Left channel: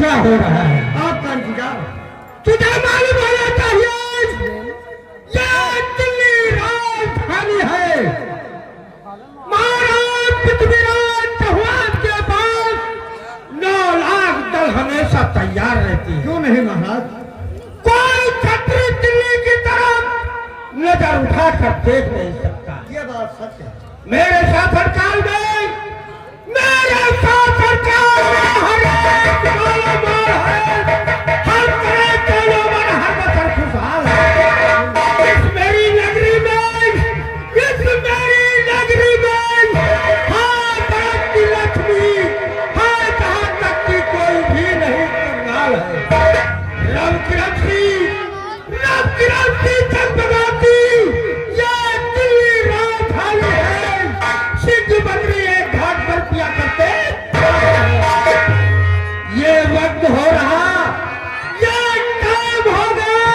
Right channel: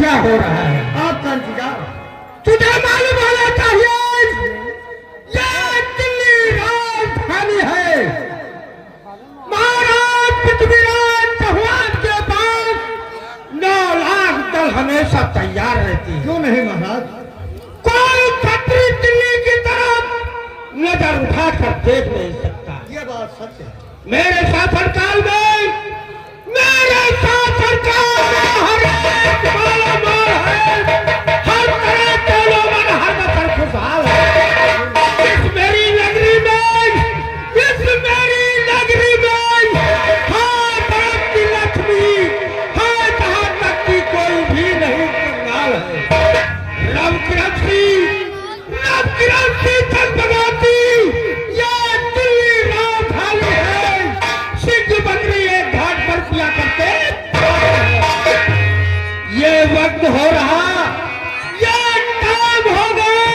क्या हो रहा है? आप कौन सीधा? तुझे मालूम होना चाहिए ये दिल्ली राजधानी है। महाराज पृथ्वीराज चौहान के पास 9 लाख दल हमेशा तैयार रहती है। क्यों नहीं महाराज? कोई छत्री दिल्ली की तरफ नजर उठाकर देख नहीं सकता। ये बात सच है। मेरे शासनकाल में हर एक माल है, हर तरह के लोग हर बतर खुशहाल है। इस मेरी नगरी में हाँ भारत की लक्ष्मी, हाँ जहाँ तक की कोई भी नहीं कंगाल है। रव किरंती चंद्रवती ये दिल्ली राजधानी है। सिंह बंदरी एक घाट पर किया करते। ये वक्त हो रहा, ये टाइम हो गया,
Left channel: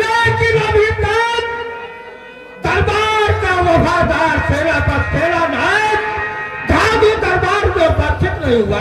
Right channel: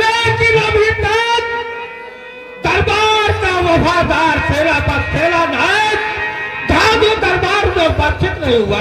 लेकिन अभी तक दरबार का वफादार सेना का सेना नायक गांधी दरबार में उपस्थित नहीं हुआ।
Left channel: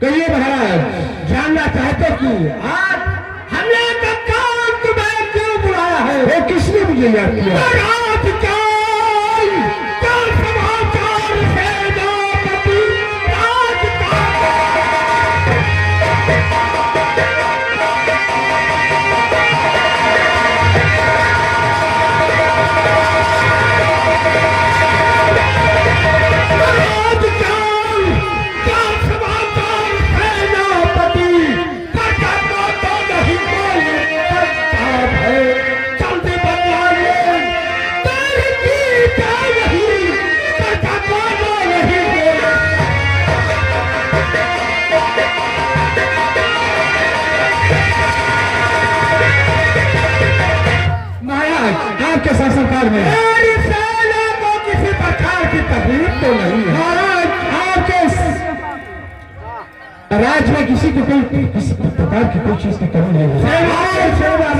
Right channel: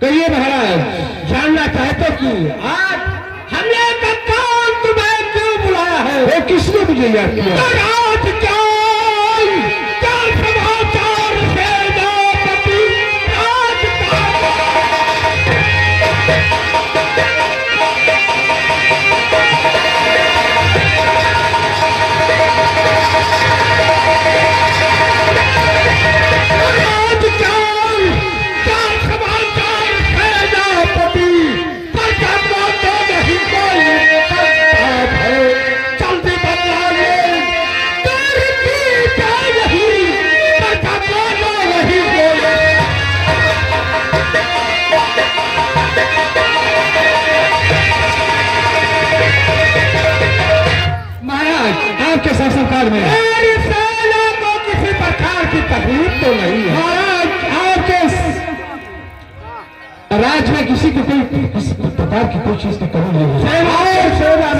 तो ये महाराज जानना चाहते कि आज हमने तत्काल तुम्हें क्यों बुलाया है? वो किसने मुझे याद किया? समाचार सेनापति शासनकाल में मेरी सेना को किसी प्रकार की तकलीफ तो नहीं है। महाराज आपके राज्य में किसी प्रकार की कोई चीज की कमी नहीं है। सेना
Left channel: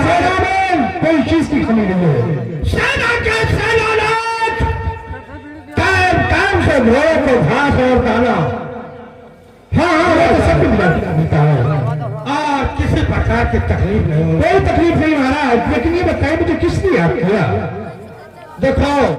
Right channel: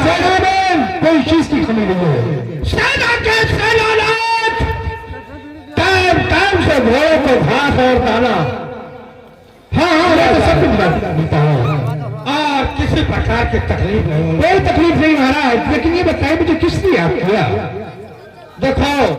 में कोई चीज की कमी नहीं है। सेना के सेनानायक टाइम टाइम से घोड़ों को घास और दाना हाँ सब कुछ मिलता है और किसी प्रकार की तकलीफ नहीं। कोई तकलीफ नहीं महाराज। लेकिन ये बताइए मुझे किसने याद किया? देखो